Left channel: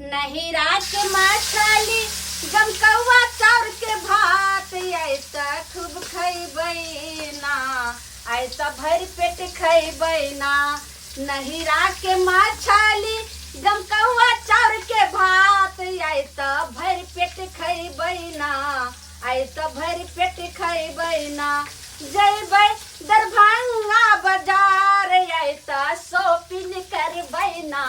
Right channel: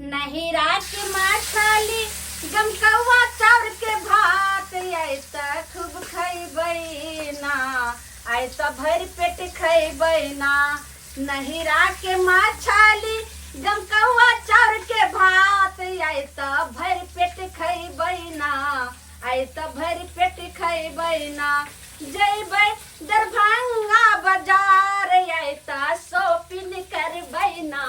नहीं रात मछली गमकौआ चाउर के भात ऐसा खूब खैबै ना ऐसा भर पेट खैबै ना। नहीं रात के मछली गमकौआ चाउर के भात ऐसा भर पेट खैबै ना ऐसा भर पेट खैबै ना। जैबै दरभंगा बाजार ऐसा शॉपिंग करबै ना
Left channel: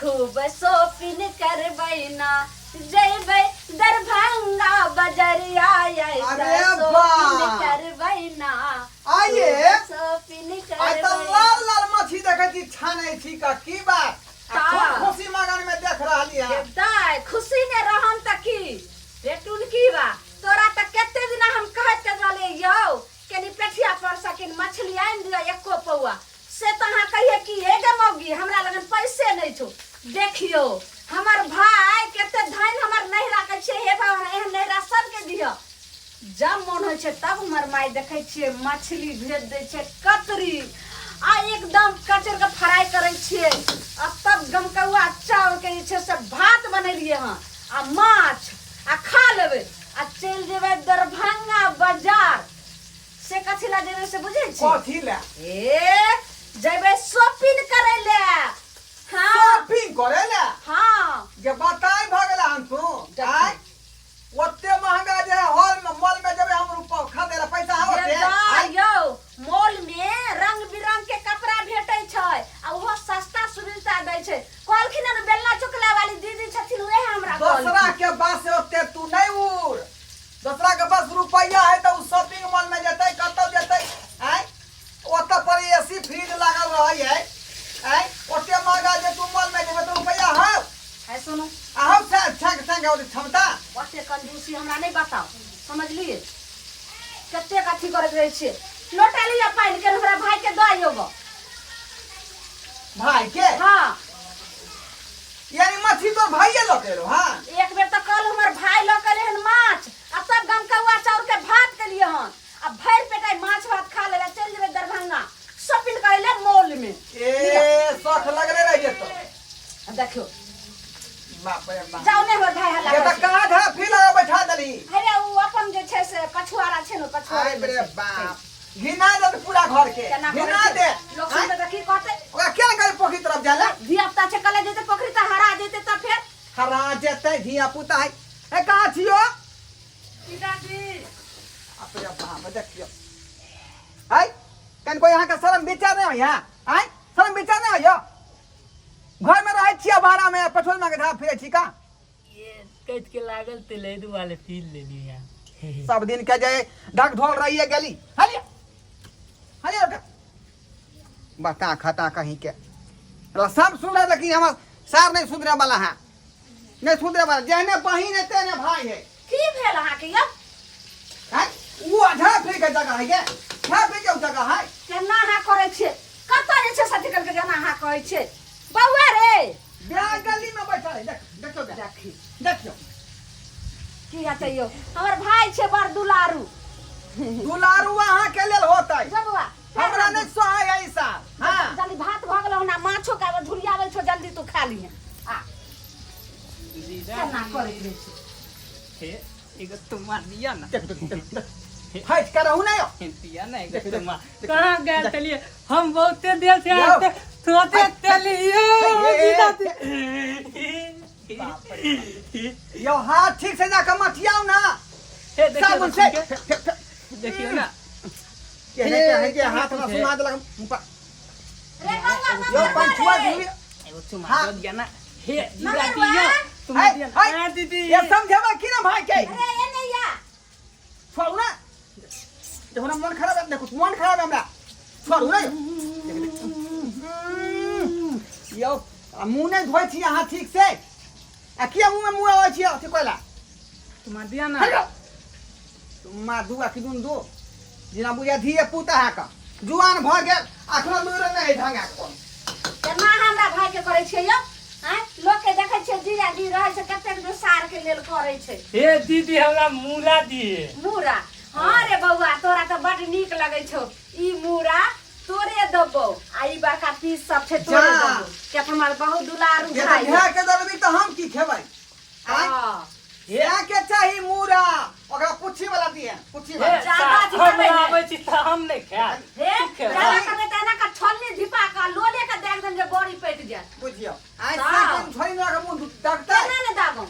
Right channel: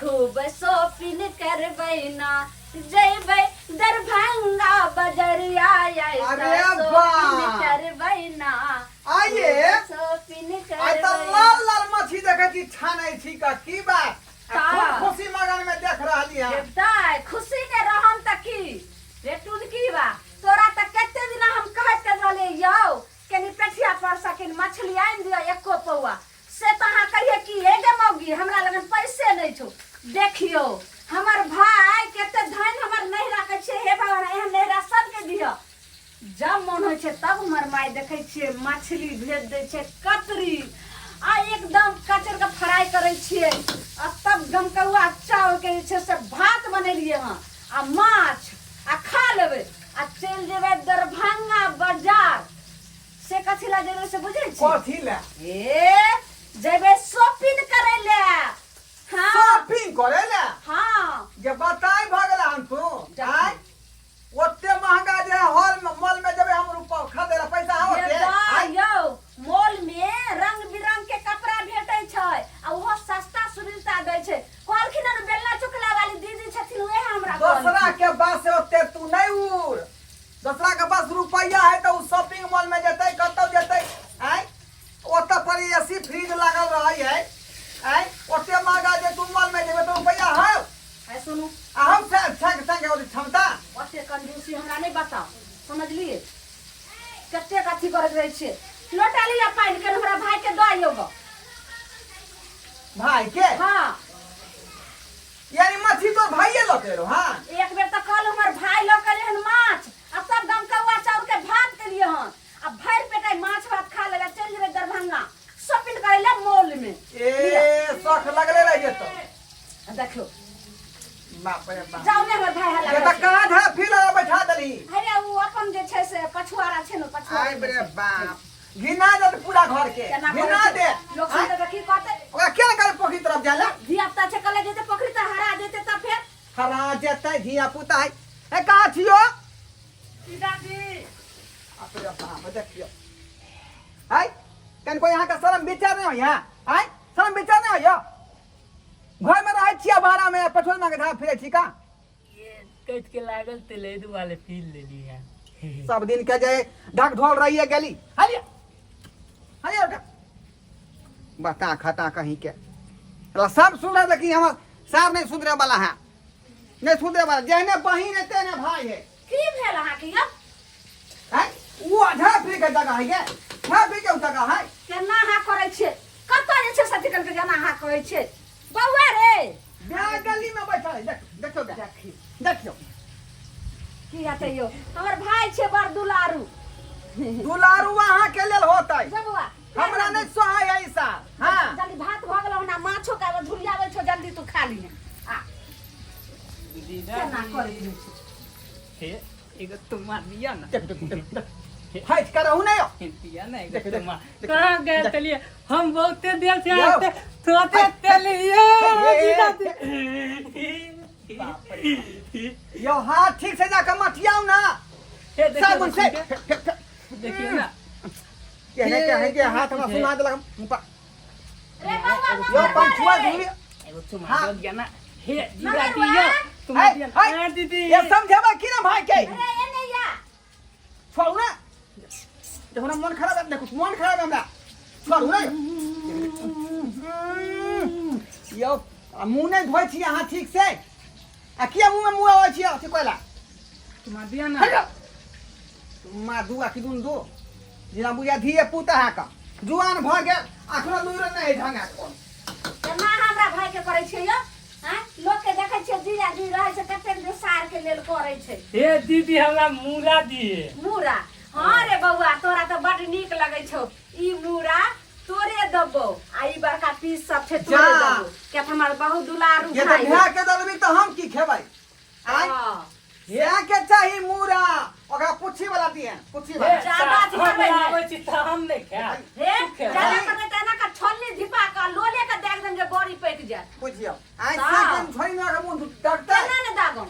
खूब शॉपिंग करबै ना। जैबै दरभंगा बजरिया शॉपिंग करबै ना आइए शॉपिंग आई तो लाल लाल मछली देखे छी छानै छी का की बात खुशी मगन में देख रहली है दाय खुशी ने रहन त की रे टुलकी बा तोरा त केते दिन हम कहत के रहले यौ कनी पेठिया पर सकिन मछली आइन दिया एको पौआ से त हां कहिए कि हे गे मौगी हमरा लगन पैसे नै छौ। देखियो हमर भाई केते धान हमर नहीं राखे छे हे भगवान एहन नहिरा सब के दियो। जब मन होय छे तब हमर माय देखे छे मछली भेज दे छे कतरी आ एकदम कचर के फ्राई करे छे आ तब गमकौआ चावल के छे से भात बनेलिए हां आ माछ आ खा लेबे आ चल जेबे दरभंगा बाजार से कथि ला जेबे से बुझै छी कथि ला ए जेबे शॉपिंग करे ले। हां शॉपिंग करे ला हां जे बताई भ गेल हम तू आई ओते महंगा जे हॉल में मॉल में जबे हम रुपया खरीदे ला पैसा होते आई यो मॉल में रंग बिरंग के कपड़ा भेटै छै आ ओहो सस्ता सुविधा दै छै। कहलखिन न बेलना चुकला वाली दीदी छथिन ओहे हमरा दूसरा के पास से ओते तू नहीं उड़ दूसरा के पास रुपया है तो शॉपिंग मॉल में जतै कतौ जतै आई ओते पर एसी फ्रिज लागल रहै है आई ओते महंगा जे तू मॉल में जेबे तो रुपया है है सुनो हम से अच्छा और क्षमता ओते कंजूसी हमरा नहीं बताओ समझलिए कते कथि करत रहै छै। लोटा लिया पानी के हमरा भाई के दइयो गो भाई के हां यानी मछली तो भाईये लके रो हां एक बेर त कल हमर भाई ल के रहन माछ आ सब गमकौआ चाउर के भात के लिए हन आ भर पेटाई माछ भात खा लेला चल जेबे दरभंगा शॉपिंग करे ले मॉल में ए शौक लगले रह जेतो देखो बाप रे बाप जाओ ने हमर भाई हल्ला ये त कहां था फिर बैठा दली अरे उ अपन जे छै से कछुआरा छै न कछुआ आई रे बाप घिना दे पूरा घर के घिना दे लोग सुन त की कहते ओकरा क्या करे पोखरी तरफ जाला धियापुता छै कले जेते पोखरी त हरा जेते त फिर हरा जेते धिया पुता है ए कहां छियो पिताजी अपरे बाप देखियो आई कन कोई यहां का शर्म विचार नहीं हो यहां आई शर्म विचार नहीं हो घर में रहे छिया भाड़ा में पछोल में के धा फिरे छी का ये कट के लागल ते लेद वाले फील ले लिया सब दिन के जे ढक ढोल रही है गली हलिया हलिया उठा बता खाता कहीं के सब सुन रहे लेकिन हम सार नहीं सुधरे वाला है नहीं सुधरे वाला जहने बहिन है तेने भाई है की भेल अहाँ के यो हैं वो आधा फिर के जगह है ये क्या फिर के जगह है केना हा करे छै कत जे छै सती करके केना हा कहै छै बौआ रे ब्याह गली में बैठा है देख देखो देखी देखियो की हेतै यो हमर भाई छै बड़ दुलारू दुलारू वहां के लेल होतै जबुआ हमरा नहीं सहाय है ऐसा हां जल्दी भात भ गेल ना माछो का झुलियावे छो जल्दी तू खा ली आ केना करे छै हे एगो तुम्हार दिया ना देख फाइट करहु नहीं हो दिया ना देख, एगो देख, तुम्हार देख, कहां गए देख। चलिए हम बहुते देर से यो। आते सोते चलिए यो हाथ ठीक से जाकर मटियाओ ना साबुन से देखिए ना कहने के है कि हाथ में सुना दे लगा यो पंचुआ धुरी एगो हाँ। तुम्हार दिया ना हे जीरा दियो तुम्हार दिया ना हाँ, दीदी ये समझेबा कि ना भाई के ए नहीं जा छोड़ू ना देखो ना मन खराब है देखो मन खराब है हमरा छोड़ू ना यो मुंह नहीं धोई छी हां ठीक से आ किया मुंह में मुंह आवे छी अथी कोइला तुम्हार दिया ना हेलो तुम दुआ कि दुन दो जिना बुझा धिए पुता हा का जुआन भ गेल अखनो लूर नहीं ढंगा कोन केना हमरा भाई के करे छै यो हैं लोग के देखे छै जीरा जी रहे छै कते जो सार के लेल करे छै हे दीदी हमरा मूला दिए मूरा हां रे बौआ तोरा त बड नीक लगे छौ ई मूरा तोरे दबो आई बड़का पीस सब छे तोरे जा। दबो के हमर बहुत दुलारू ये भाई तो के दबे तो हम की खेब के पूछी हे, ज्यादा हम दिखाबै है। आबै छी त हम नहीं खाए हे ज्यादा करने तना का छोलनी धिपा का लोले का देख देंगे बॉडी पेट जाए बुझियो आई हाँ। से कोन छोरी ना मुंह डरता केना ने दागो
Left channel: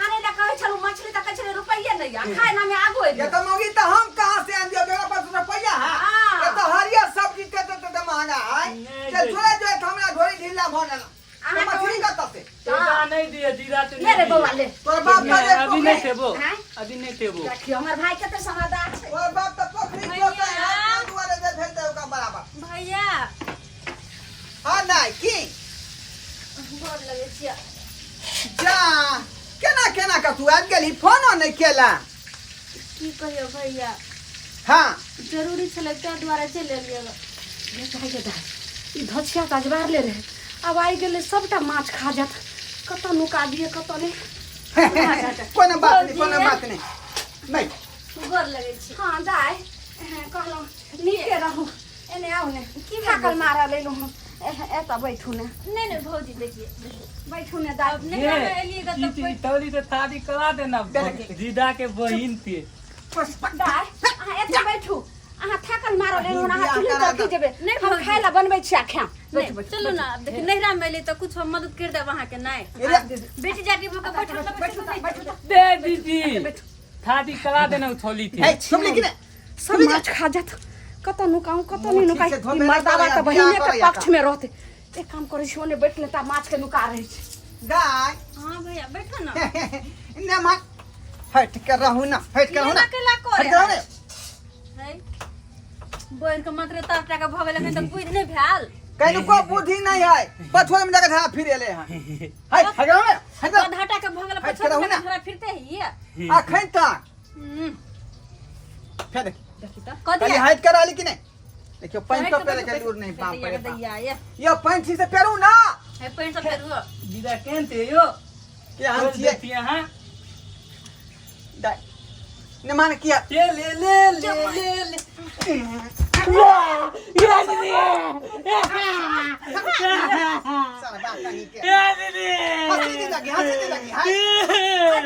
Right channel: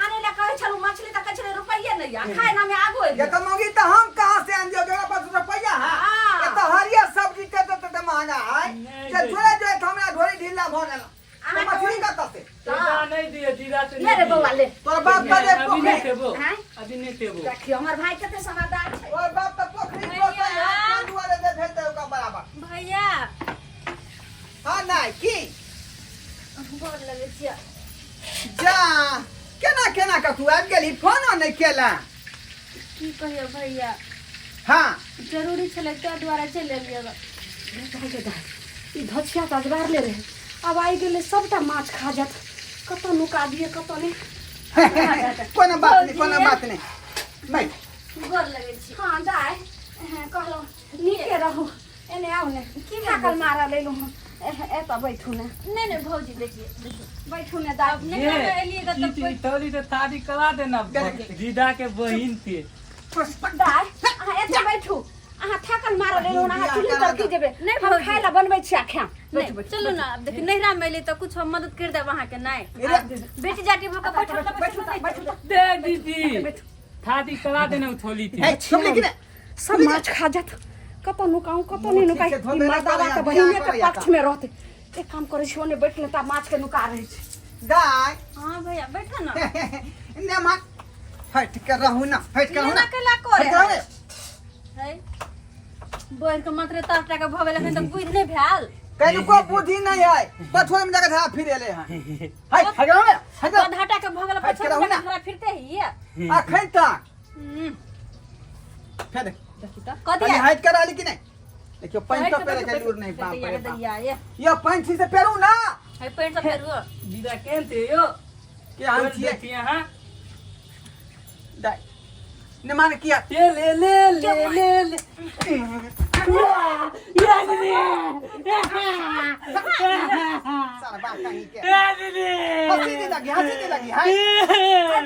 आने ला कहै छलु मछली त कहै छले रुपैया नहीं आ खाए ना में आगो ये तो मौगी तो हम कहां से आन दियो तेरा पास रुपया है हाँ। ये तो हरिया सब्जी ते महंगा है नहीं चल दे। छोड़े जो हमरा ढोरी ढीला भ गेल अहाँ तो मछली का तते तोरा नहीं दिए जीरा तो ले रे बउआ ले तोर बाप का नहीं, अभी नहीं देबो हैं? अभी नहीं देबो देखियो हमर भाई कते समझदार छै तोर बाप तो पोखरी भैया। को वाले दे भेजते का बराबर भैया हां नहीं की गोर लगे छियै जा केना केना का तू आज गेली फोन नहीं केला की कहियो भैया हां जरूरी छलै तै द्वारा चलि एलियै ई धछिया का जबार ले रहे अब आई गेले सबटा माछ खा जात कत नुका दिए कत ने कोनो बात नहीं नहीं गोर लगै छी हां जाय कहलो नीके रहू एने आउ ने की भाकल मारा लेलु एता बैठू ने नहीं नहीं भौजी देखिए बैठू ने दाई नहीं हम एलिएगा तब कोई तौली तो शादी करा देना जीदा के बहिन पे दाई अहाँ एता बैठू अहाँ थाकल मारा लेलु अहाँ चुली तर की जेबे नहीं हम भौजी। खाइला बनबै छियै खाम नहीं चलो ना अब देखिए नैहरा में एलिए तो कुछ हम मदद कर देब अहाँ के नहीं बेटी जाके भूख बैठो बैठू दे दीदी शादी करा देना छोली थी ए तुम लेकिन सब माछ खा जात कत नुकाऊ कत नहीं नुकाई ठीक है, ई मर्दावा धोबे त नहीं बहिने करो के या पक्ष में रहते एक काम करे छी ओने बैठ लेता माछ के नुका रहे छै गाय हाँ भैया बैठो ना ने मान हट के रहू ना हट के रहू ना अकेला हट करे के रहू ना है बहन के मात्र तार टाका भ गेल एखन तक बुझ नहीं भेल कहीं को बुद्धि नहीं है पथुआ में जाकर फिर एले हैं हाय हट के रहू ना हट के आधा टाका भ गेल हट के रहू ना। पछवा फिरते ही है अखन तक फिर देख देखी तो क खाली दिया हट कर आली कि नहीं देखियो पैंट पे लगे लूर नहीं बाप रे बाप। दैया ये पैंट से पेरू ना है पैंट सब फेरो जीदा केनते यो कि हम छिए यहाँ ने मान किया ये ले साला बात कहीं के हंसी नहीं लगी हाय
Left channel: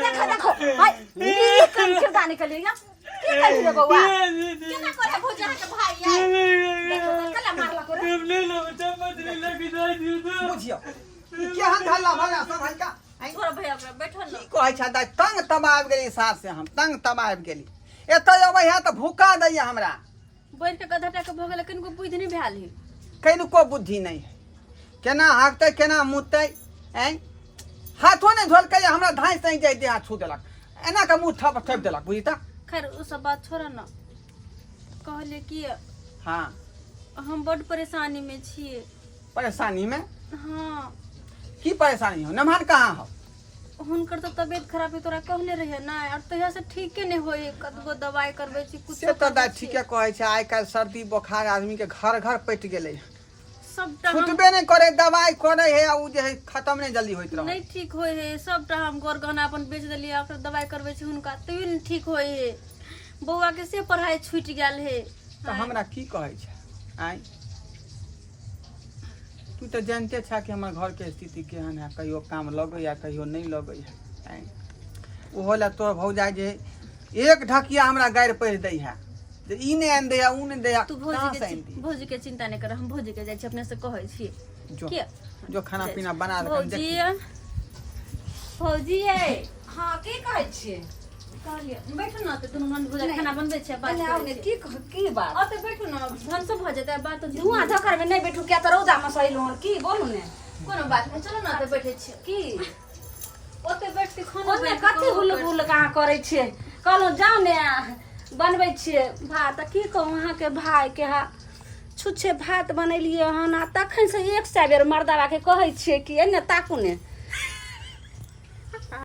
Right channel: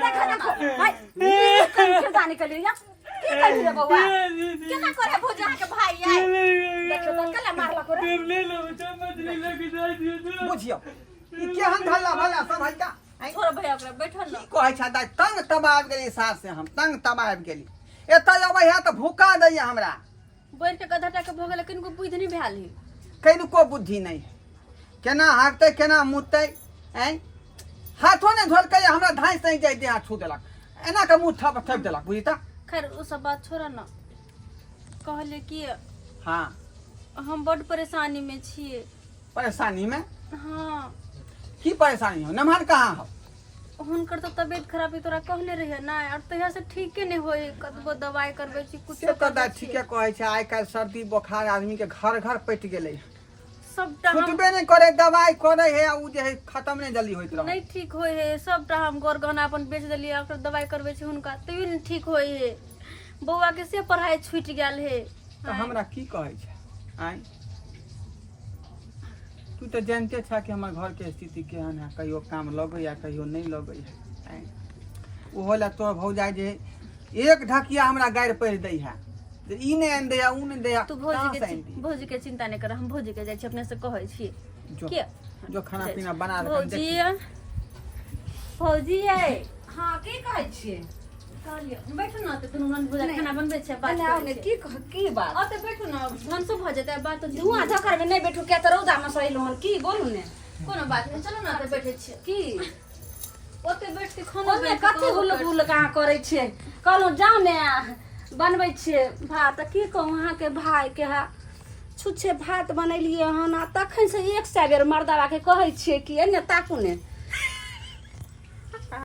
देखो देखो भाई ये क्यों जाने के लिए या की कहिए बउआ केना करे भुजा के भाई आई देखो तो कला मारला करे बुझियो ई केहन धल्ला भला सब है का छोड़ भैया ओकरा बैठो ना कहै छ दाइ तंग तबाब गेली सास से हम तंग तबाब गेली एतय अबै है त भूका दैया हमरा बहन के गधा टाका भ गेल किन को बुझ नहीं भेल ही कहीं को बुद्धि नहीं है केना हाकते केना मुतते हैं हाथों ने झोल के हमरा धांस नहीं जाय दे हाथ छू देलक एना के मुंह थप थप देलक बुझी त खैर उ सब बात छोड़ ना कहले कि हां हम बड़ परेशानी में छिए परेशानी में हाँ की परेशानी हो नमहर कहाँ हो हुनकर तो तबीयत खराब है तोरा कहले रहिए ना और तहिया से ठीक नहीं होई कतबो दवाई करबे छी कुछ से तो दा ठीके कहै छै आइ काल्हि सर्दी बुखार आदमी के घर घर पटि गेलै सबटा हम छुटबे नहीं करे दवाई करे है उ जे है खत्म नहीं जल्दी होइत रहे नहीं ठीक होई है सबटा हम गोर गहना अपन बेच देलिए ओकर दवाई करबे छी हुनका तभी नहीं ठीक होई है बौआ के से पढ़ाई छूट गेल है तो हमरा की कहै छै आइ तू तो जानते छा कि हमार घर के स्थिति केहन है कहियो काम लगे या कहियो नहीं लगे है ओहो ला तोर भौजाई जे एक ढकिया हमरा गाड़ि पढ़ि दै है जे ई नहीं आन दैया ऊ नहीं दैया तू कहाँ से आनि दी? भौजी के चिंता नहीं कर हम भौजी के जाय छी अपने से कहै छी जो के जो खाना पीना बना रखन भौजी देखी भौजी है हां की कहै छियै कहलिए बैठू ना तो दुनू मन भौजा खाना बनबे छै बात एने आउ ने की बात और तो बैठू ना भनसो भ जेतै बात तो धुआं झकर में नहीं बैठू क्या तो रौदा में सही लोहन की बोलू ने कोनो बात नहीं चलो ना तो बैठे छी की ओते बैठ के खाना ओने कते हुल बुल कहाँ करे छियै कहलहुँ जाउ ने बनबै छियै भात की कहूँ अहाँ के भाई के हा छुच्छे भात बनेलियै हन आ तखन से एक सए बेर मर्दावा के कहै छियै कि एने ताकू ने